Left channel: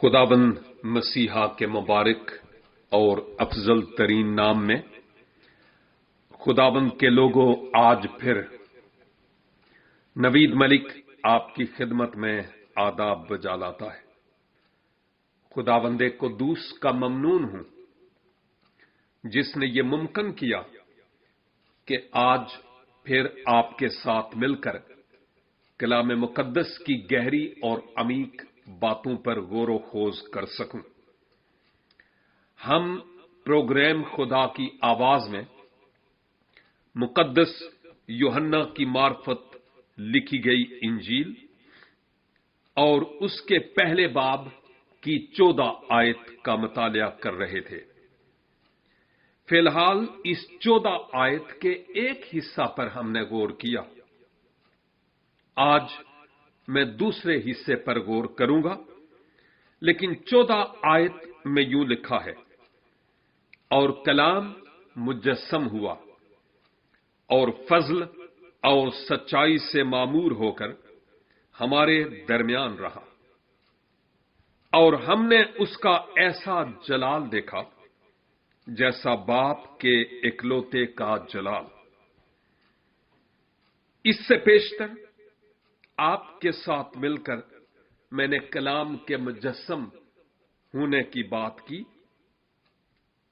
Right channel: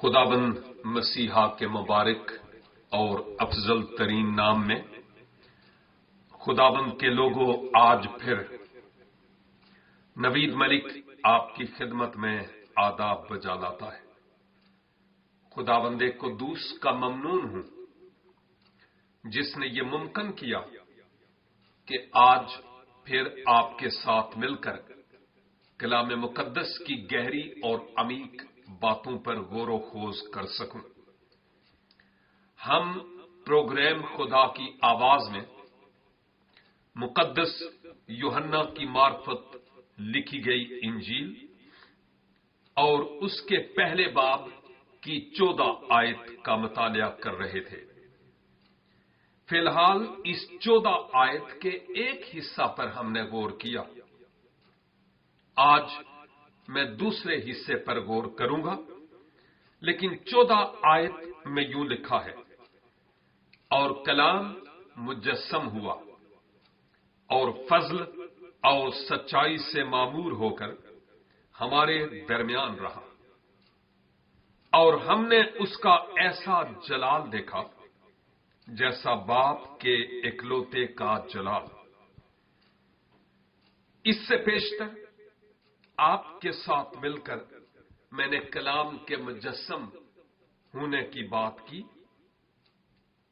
خداوند مسیحا کے مبارک اور افضل ترین نام میں خداوند کے لوگوں، آج پھر نوید ملک آپ کی خدمت میں آداب بجا لاتا ہے۔ خداوند قدوس کا ممنون ہوں جس نے یہ ممکن کیا کہ آج پھر آپ کے ساتھ مل کر کلام مقدس کی گہری اور عمیق باتوں پر غور و خوض کر سکوں۔ ہم پروگرام خدا کی آواز میں مقدس یوحنا کی معرفت لکھی گئی انجیل اور اس کے پہلے باب کی 14 آیت کا مطالعہ کر رہے تھے۔ فی الحال اس 14 آیت کے ایک حصہ پر ہم نے غور کیا۔ آج میں دوسرے حصے پر غور کروں گا، لیکن 14 آیت میں یوں لکھا ہے، اور کلام مجسم ہوا اور فضل اور سچائی سے معمور ہو کر ہمارے درمیان رہا، اور ہم نے اس کا ایسا جلال دیکھا جیسا باپ کے اکلوتے کا جلال۔ اس سے پیشتر آپ کے ساتھ مل کر میں نے کلام کے مجسم ہونے کی بات کی،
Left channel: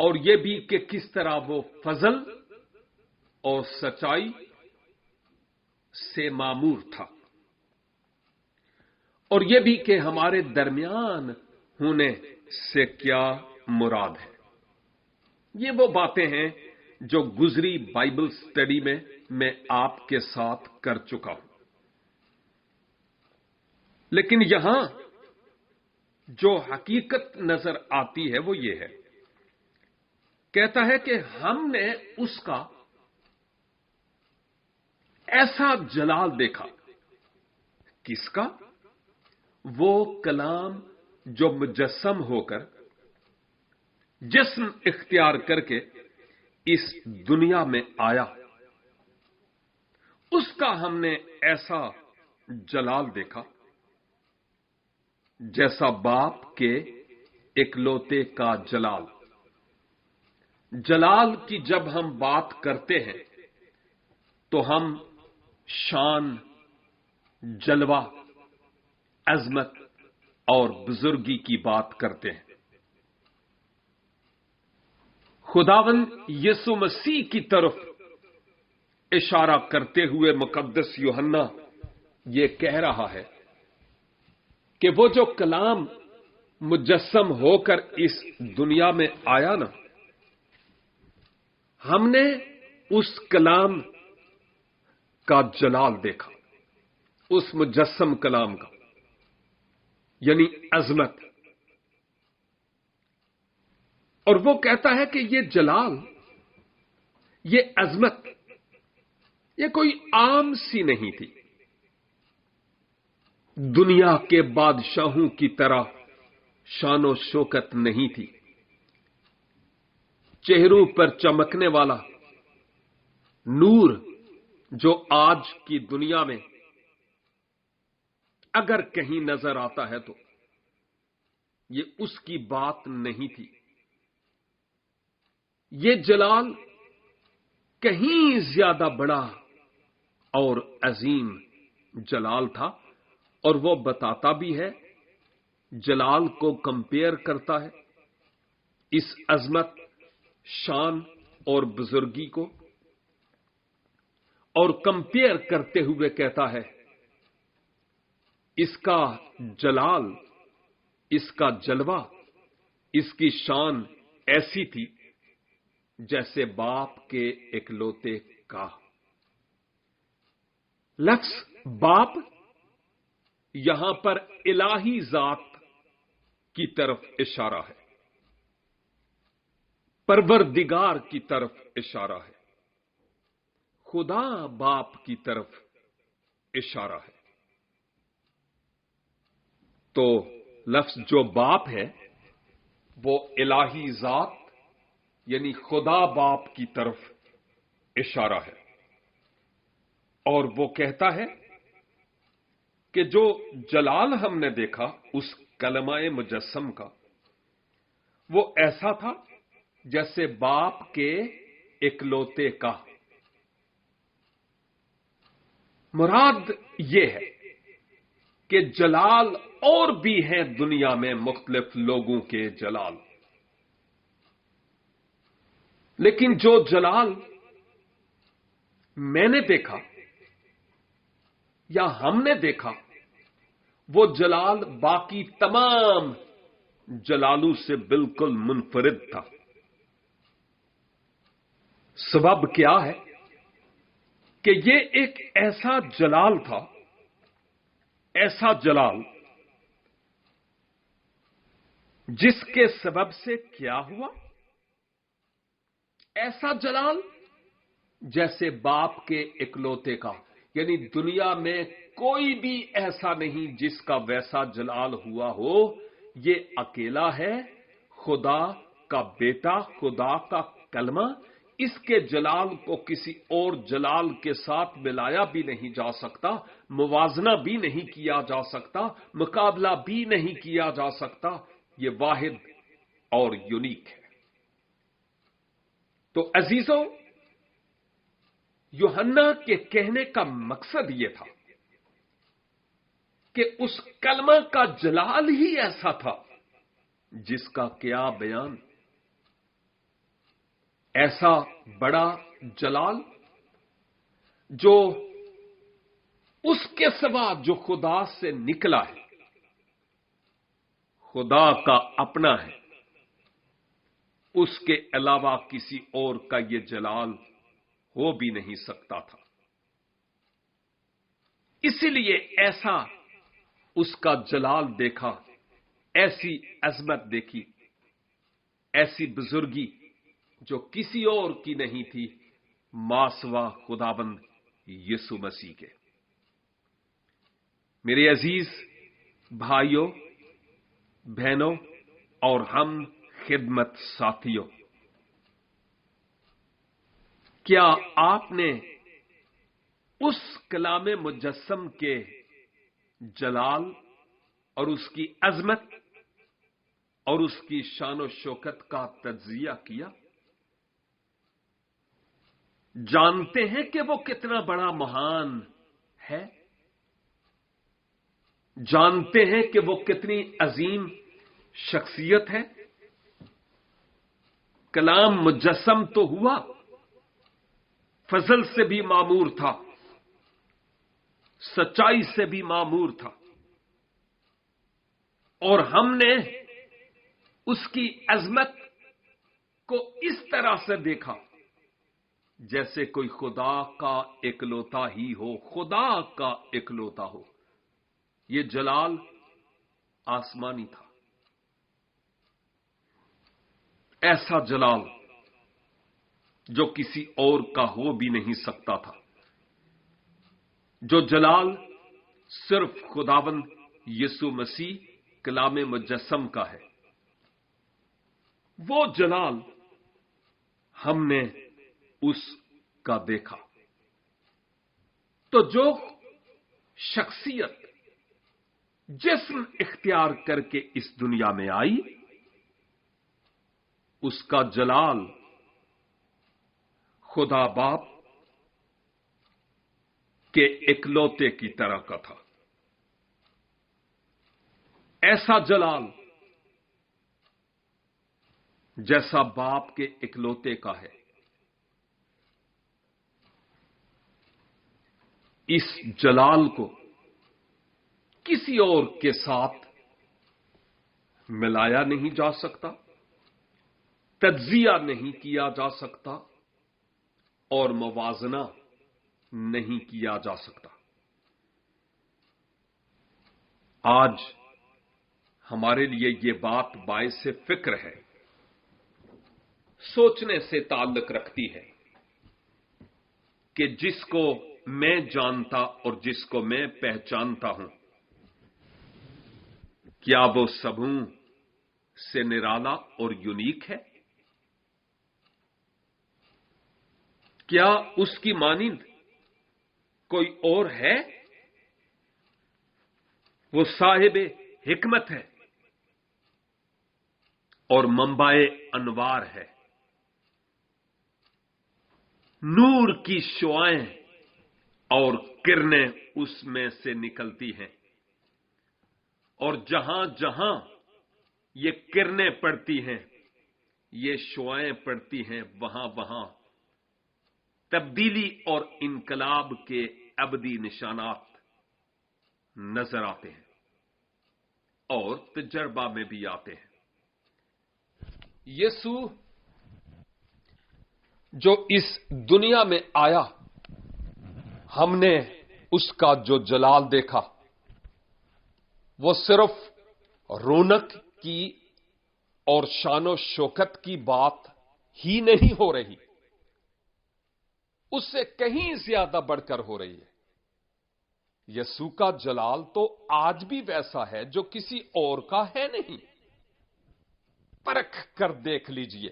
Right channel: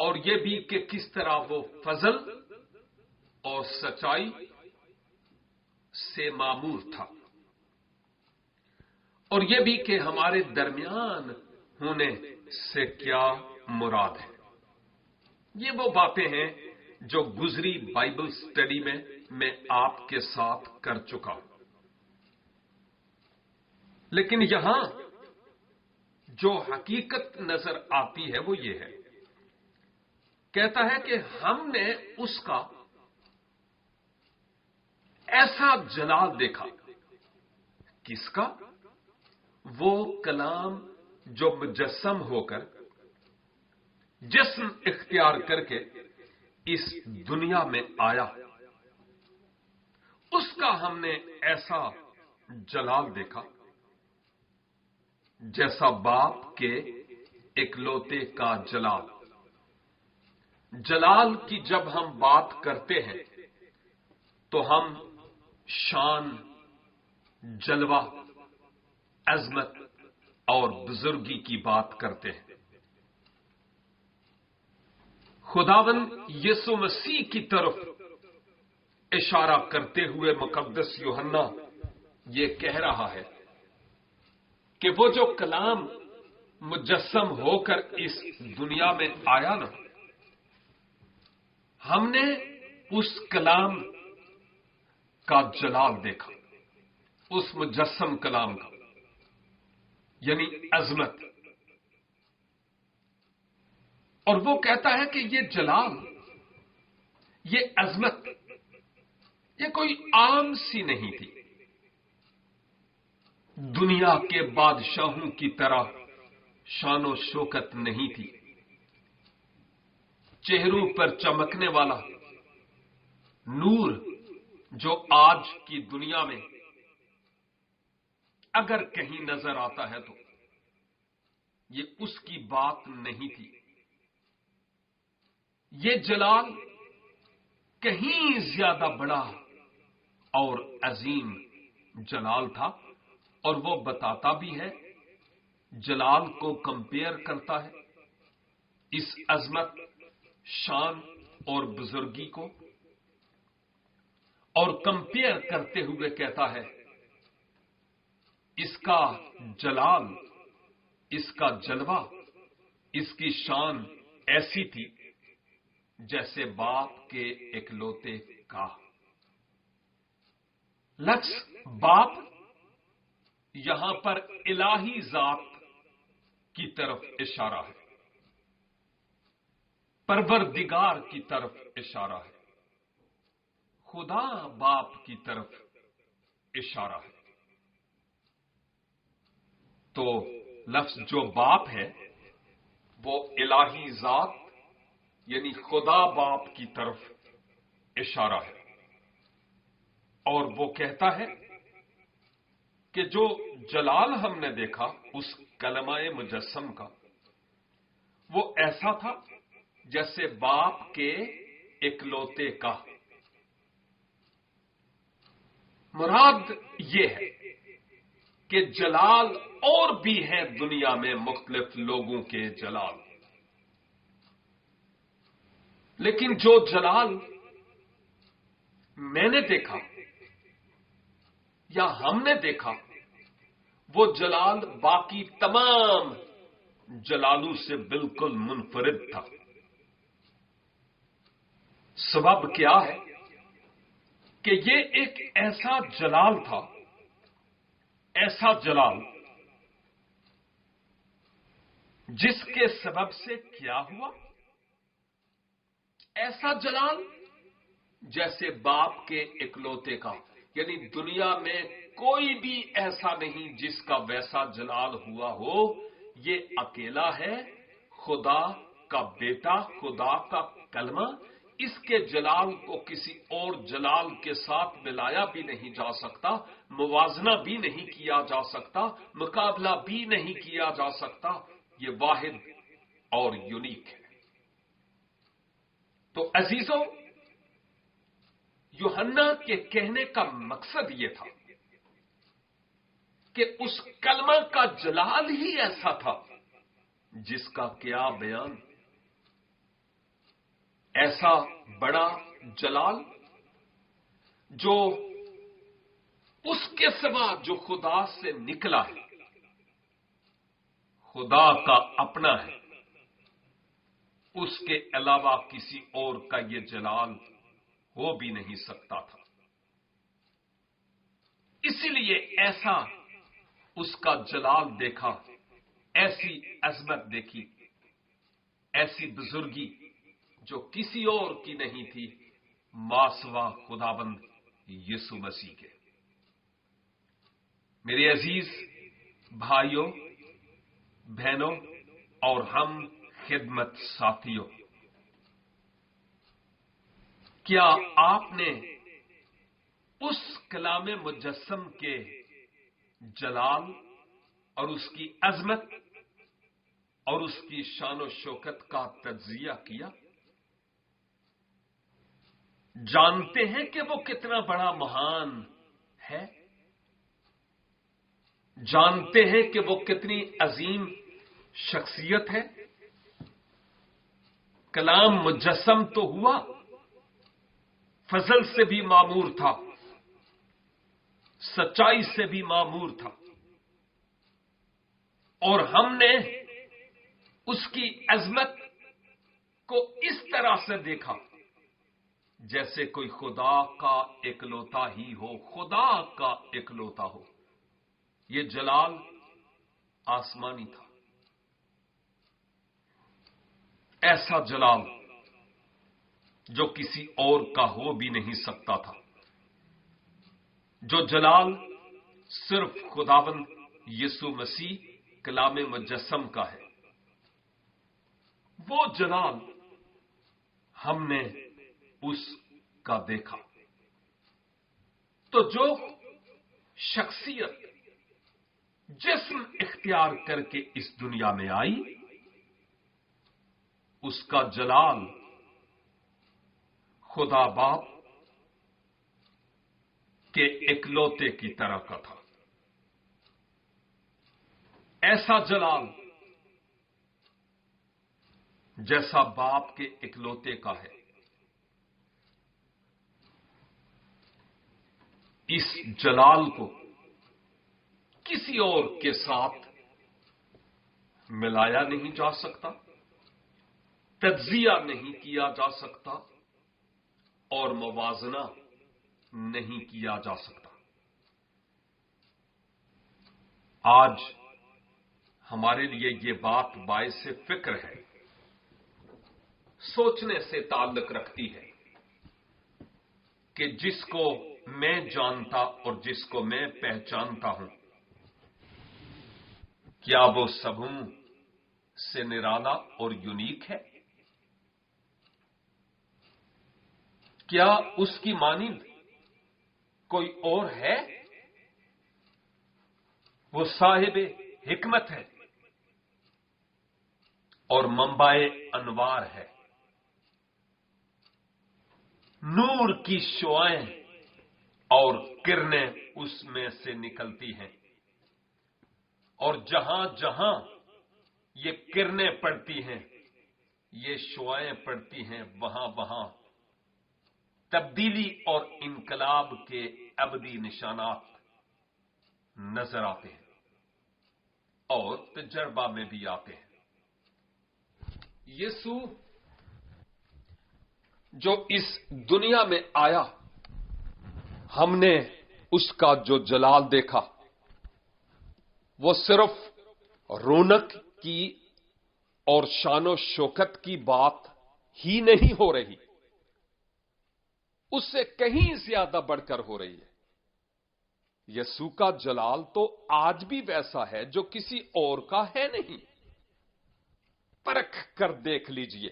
اور یہ بھی کہ کس طرح وہ فضل اور سچائی سے معمور تھا، اور یہ بھی کہ ہمارے درمیان ہونے سے کیا مراد ہے۔ یہ وہ باتیں ہیں جو گزری بائبل سٹڈی میں آپ کے ساتھ کر چکا ہوں، لیکن یہاں جو حقیقت نظر آتی ہے وہ یہ ہے، کہتا ہے کہ ہم نے اس کا ایسا جلال دیکھا۔ کس کا؟ وہ کلام جو مجسم ہو کر جسم اختیار کر کے اس دنیا میں آیا، اس کا ہم نے ایسا جلال دیکھا جیسا باپ کے اکلوتے کا جلال۔ جلال کی جب ہم بات کرتے ہیں تو ہم شان، جلوہ، عظمت اور بزرگی کی بات کرتے ہیں۔ خداوند یسوع مسیح کی طرف اشارہ کرتے ہوئے مقدس یوحنا یہ کہہ رہا ہے کہ وہ جو کلام مجسم ہو کر اس دنیا میں آیا نا، ہم نے اس کلام کا جلال دیکھا، اس مجسم کلام کا، یعنی عظمت۔ اور وہ کہتا ہے کہ یہ جلال، یہ عظمت، یہ کوئی عام سی نہیں تھی، دنیا کے بادشاہوں کی طرح شان و شوکت نہیں تھی، چہروں پر چمکنے والا نور جو آج کی دنیا میں اگر کہیں نظر آتا ہے تو یہ اس کی بات نہیں تھی۔ یہ جلال کہیں زیادہ بڑا اور عظیم جلال تھا، اور وہ بتاتا بھی ہے، جلال کو کمپیئر کرتا ہے اس عظمت، شان اور بزرگی کو، اور کمپیئر کرتے ہوئے کہتا ہے اس کا جلال، اس کا جلوہ، اس کی شان ایسی تھی جیسے باپ کے اکلوتے کا۔ لفظ باپ یہاں پر الہی ذات کی طرف اشارہ ہے، پروردگار کی طرف اشارہ ہے، خدا باپ کی طرف اشارہ ہے۔ تو لفظ جو باپ ہے وہ الہی ذات یعنی خدا باپ کی طرف اشارہ ہے، اور وہ کہتا ہے کہ جو جلال ہم نے دیکھا اس کلمہ مجسم کا وہ ایسا تھا جیسے باپ کے اکلوتے کا۔ مراد یہ ہے کہ جلال اور بھی ہیں دنیا میں مختلف لوگوں کے جلال، لیکن جو جلال میں نے دیکھا یا ہم نے دیکھا وہ جلال باقی تمام جلالوں سے بالکل منفرد تھا۔ سبب کیا ہے کہ یہ ایک ایسا جلال تھا، ایسا جلال جس کے سبب سے کیا ہوا؟ ایسا جلال جیسے باپ کے اکلوتے کا، یعنی دنیا میں کوئی بھی ایسا نہیں جس کا ویسا جلال ہوا ہو۔ یہ اکیلا ہے، خدا کا بیٹا، خدا کا کلمہ۔ اس کے جلال کو کسی اور جلال کے ساتھ ملایا بھی نہیں جا سکتا، موازنہ بھی نہیں کیا جا سکتا، مقابلہ بھی نہیں کیا جا سکتا۔ یہ واحد اور یونیک ہے۔ تو عزیزوں، یوحنا کے کہنے کا مقصد یہ تھا کہ اس کلمہ کا جلال ہی ایسا تھا جس کا کیا بیان، ایسا بڑا جلال جو اس کے سوا جو خدا سے نکلا ہے، خدا کا اپنا ہے، اس کے علاوہ کسی اور کا یہ جلال ہو بھی نہیں سکتا تھا۔ اسی لیے ایسا اس کا جلال دیکھا، ایسی عظمت دیکھی، ایسی بزرگی جو کسی اور کی نہیں تھی، ماسوا خداوند یسوع مسیح کے۔ میرے عزیز بھائیوں، بہنوں اور ہم خدمت ساتھیوں، کیا آپ نے اس کلام مجسم کے جلال اور اس کی عظمت اور اس کی شان و شوکت کا تجزیہ کیا؟ جانتے ہیں کہ وہ کتنا بڑا مہان ہے؟ جانتے ہیں کہ وہ کتنی عظیم شخصیت ہے؟ کلام مجسم تو ہوا، فضل سے بھی معمور تھا، سچائی سے بھی معمور تھا، اور ہم نے اس کی عظمت کو اس طرح سے دیکھا جیسے کوئی خدا کا اکلوتا ہی ہو، خدا کا اکلوتا ہو۔ یہ جلال آسمانی تھا، ایسا جلال جو کسی اور کا ہو بھی نہیں سکتا تھا، جو جلال صرف خداوند یسوع مسیح کلام مجسم کا ہے۔ وہ جلال ہم نے اس کا دیکھا۔ تو جو شخصیت جسم اختیار کر کے اس دنیا میں آئی، اس کا جلال خدا باپ کے اکلوتے کی طرح کا تھا۔ ایسا جلال جیسا باپ کے اکلوتے کا ہے۔ اس جلال کو کسی اور کے ساتھ ملایا نہیں جا سکتا، تجزیہ نہیں کیا جا سکتا، اور موازنہ نہیں کیا جا سکتا۔ آج ہمارے لیے یہ بات باعث فکر ہے، سوچنے سے تعلق رکھتی ہے کہ جس کو میں جانتا اور جس کو میں پہچانتا ہوں، کیا وہ سبوں سے نرالا اور یونیک ہے؟ کیا اس کی مانند کوئی اور ہے؟ وہ صاحب حکمت ہے، اور منبع انوار ہے. نور کی شعائیں اور کرنیں اس میں سے نکلتی ہیں، اور جہاں جہاں یہ کرنیں پڑتی ہیں، یہ شعائیں پڑتی ہیں، وہاں وہاں تبدیلی اور انقلاب کے ابدی نشانات نظر آتے ہیں اور تجربہ میں بھی آتے ہیں. یسوع جو اس دنیا میں آیا، ہم نے اس کا جو جلال دیکھا، وہ صرف رونق کی اور شان و شوکت کی بات ہی نہیں ہو رہی، اس سے کہیں زیادہ بڑھ کر ہو رہی ہے. یسوع کا جلال تو آج بھی ویسا ہے جو کسی اور کا ہے نہیں. پرکھ کر دیکھ لیجئے،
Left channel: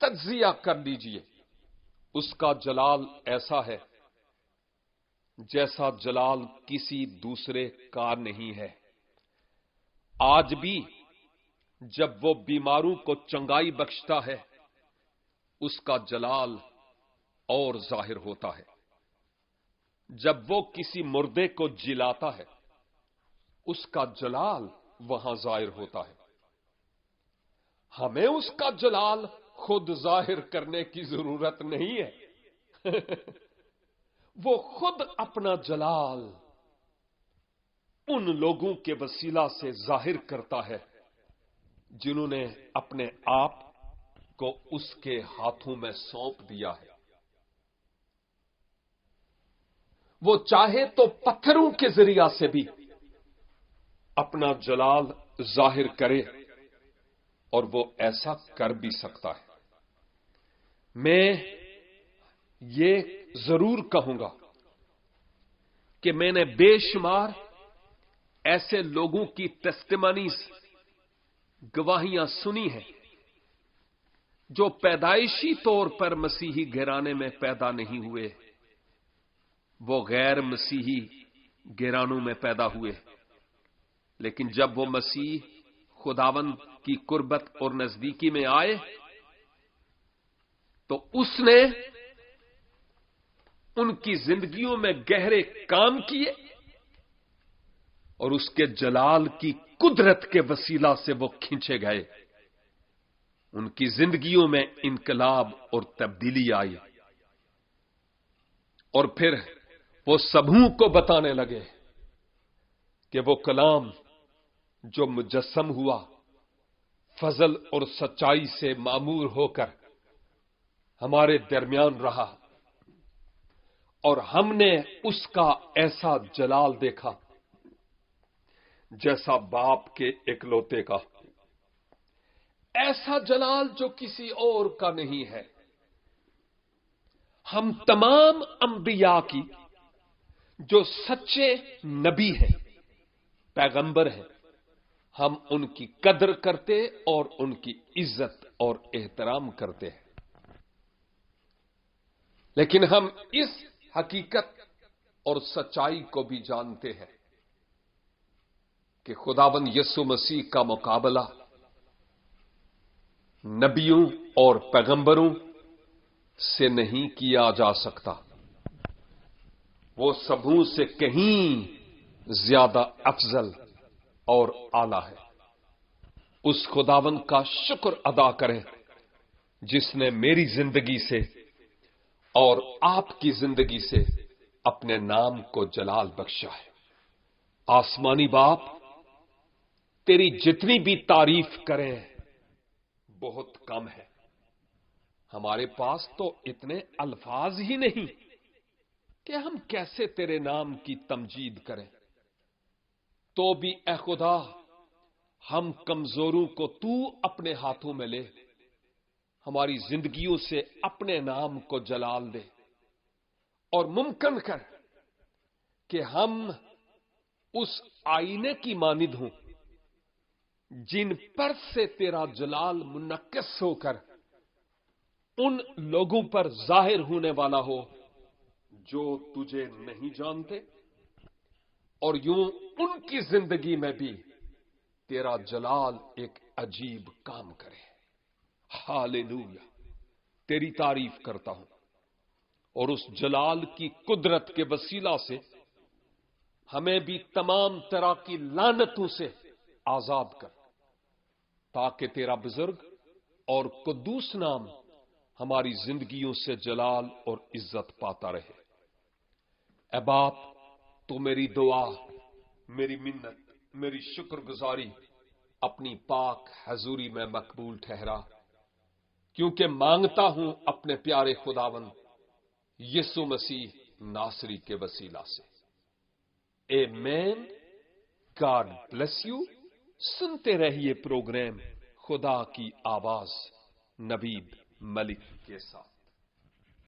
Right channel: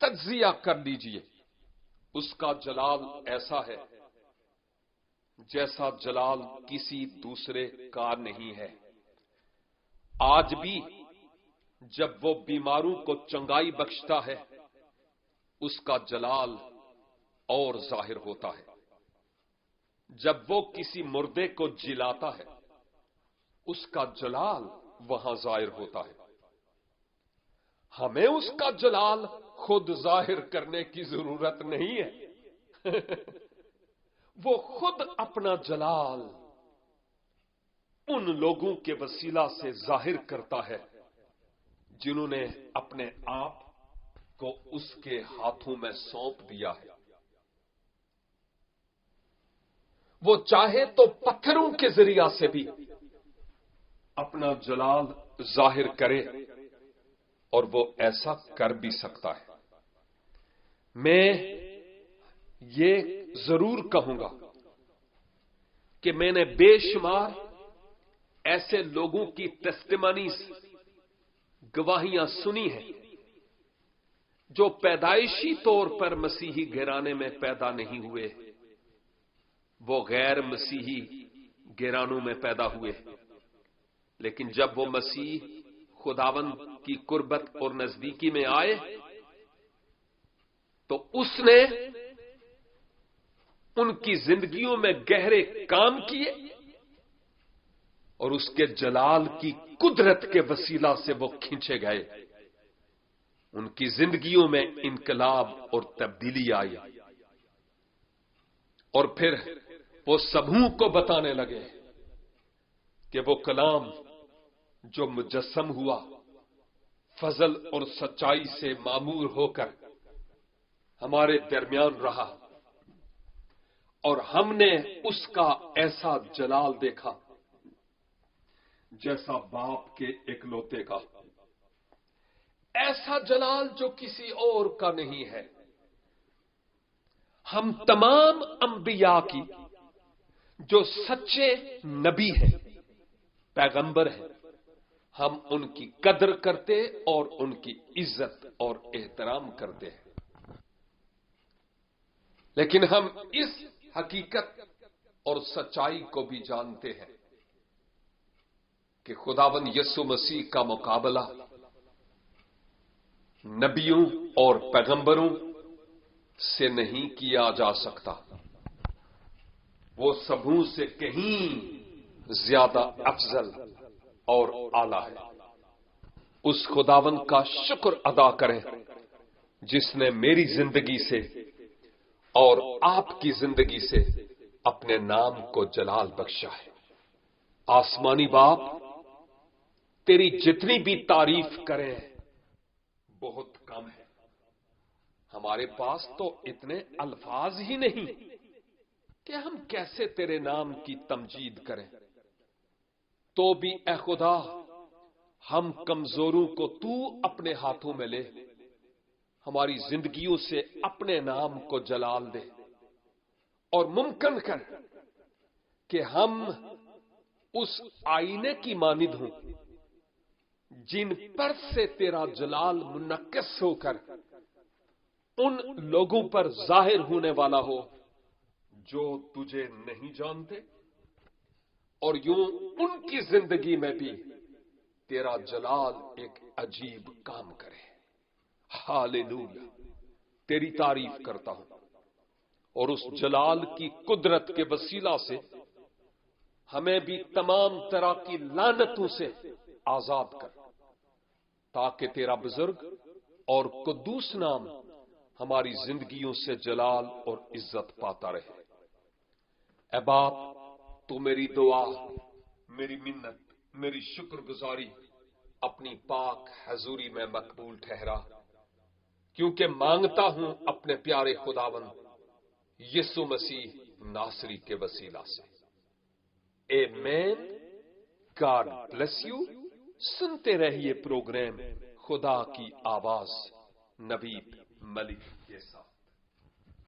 تجزیہ کر لیجئے. اس کا جلال ایسا ہے جیسا جلال کسی دوسرے کا نہیں ہے. آج بھی جب وہ بیماروں کو چنگائی بخشتا ہے، اس کا جلال اور ظاہر ہوتا ہے. جب وہ کسی مردے کو جلاتا ہے، اس کا جلال وہاں ظاہر ہوتا ہے. ہمیں اس کا جلال خود ظاہر کرنے کی ضرورت نہیں ہے. وہ خود اپنا جلال ان لوگوں کے وسیلہ سے ظاہر کرتا ہے جنہوں نے اپنے آپ کو اس کے ہاتھوں میں سونپ دیا ہے. وہ چاہے تو پتھروں کے ذریعہ سے بھی اپنا جلال ظاہر کرے، اور وہ ایسا کر بھی سکتا ہے. میں یہ ضرور کہوں گا کہ میں نے بے شمار ایسے لوگوں کی ٹیسٹیمنیز، گواہیاں سنی ہیں جو پیدائشی طور پر مسیحی گھرانے میں پیدا نہیں ہوئے، وہ غیر مسیحی گھرانوں میں پیدا ہوئے، لیکن جب وہ مسیح خداوند کی قربت اور نزدیکی میں آئے تو اس نے ان کی زندگیوں میں گہرے کام کیے، اور اس کے جلال کی قدرت کے وسیلہ سے وہ کھینچے گئے. ان کی زندگیوں میں انقلاب اور تبدیلی آئی، اور پھر وہ سبوں کو بتانے لگے کہ وہ کلام جو مجسم ہوا، فضل اور سچائی سے معمور ہو کر ہمارے درمیان رہا، اور ہم نے اس کا ایسا جلال دیکھا جیسا باپ کے اکلوتے کا، ایسا جلال جو کسی اور کا نہیں ہے. ہم تمام انبیاء کی جو سچے نبی ہیں، پیغمبر ہیں، ہم ان کی قدر کرتے اور ان کی عزت اور احترام کرتے ہیں. لیکن ہم اس حقیقت اور سچائی کو بھی جانتے ہیں کہ خداوند یسوع مسیح کا مقابلہ نبیوں اور پیغمبروں سے نہیں کیا جا سکتا. وہ سبوں سے کہیں زیادہ افضل اور اعلی ہے. اس خداوند کا شکر ادا کریں جس نے میری زندگی سے اور آپ کی زندگی سے اپنے نام کو جلال بخشا ہے. آسمانی باپ، تیری جتنی بھی تعریف کریں بہت کم ہے. ہمارے پاس تو اتنے الفاظ ہی نہیں کہ ہم کیسے تیرے نام کی تمجید کریں. تو بھی اے خدا، ہم کمزوروں کو تو اپنے ہاتھوں میں لے، ہماری زندگیوں سے اپنے نام کو جلال دے، اور ممکن کر کہ ہم اس آئینے کی مانند ہوں جن پر سے تیرا جلال منعکس ہو کر ان لوگوں پر ظاہر ہونے والا ہو جو تجھے نہیں جانتے، اور یوں ان کی زندگی میں بھی تیرا جلال ایک عجیب کام کرے۔ ہاللویا، تیری تعریف کرتا ہوں، اور اس جلال کی قدرت کے وسیلہ سے ہمیں بھی تمام طرح کی لعنتوں سے آزاد کر، تاکہ تیرا بزرگ اور قدوس نام ہماری زندگیوں سے جلال اور عزت پاتا رہے۔ اے باپ، تو میری دعا، میری منت، میری شکر گزاری اپنی پاک حضوری میں مقبول ٹھہرا، کیونکہ مانگتا ہوں اپنے پیارے خداوند یسوع مسیح ناصری کے وسیلہ سے۔ آمین۔ God bless you. سنتے رہیے پروگرام خدا کی آواز نوید ملک کے ساتھ۔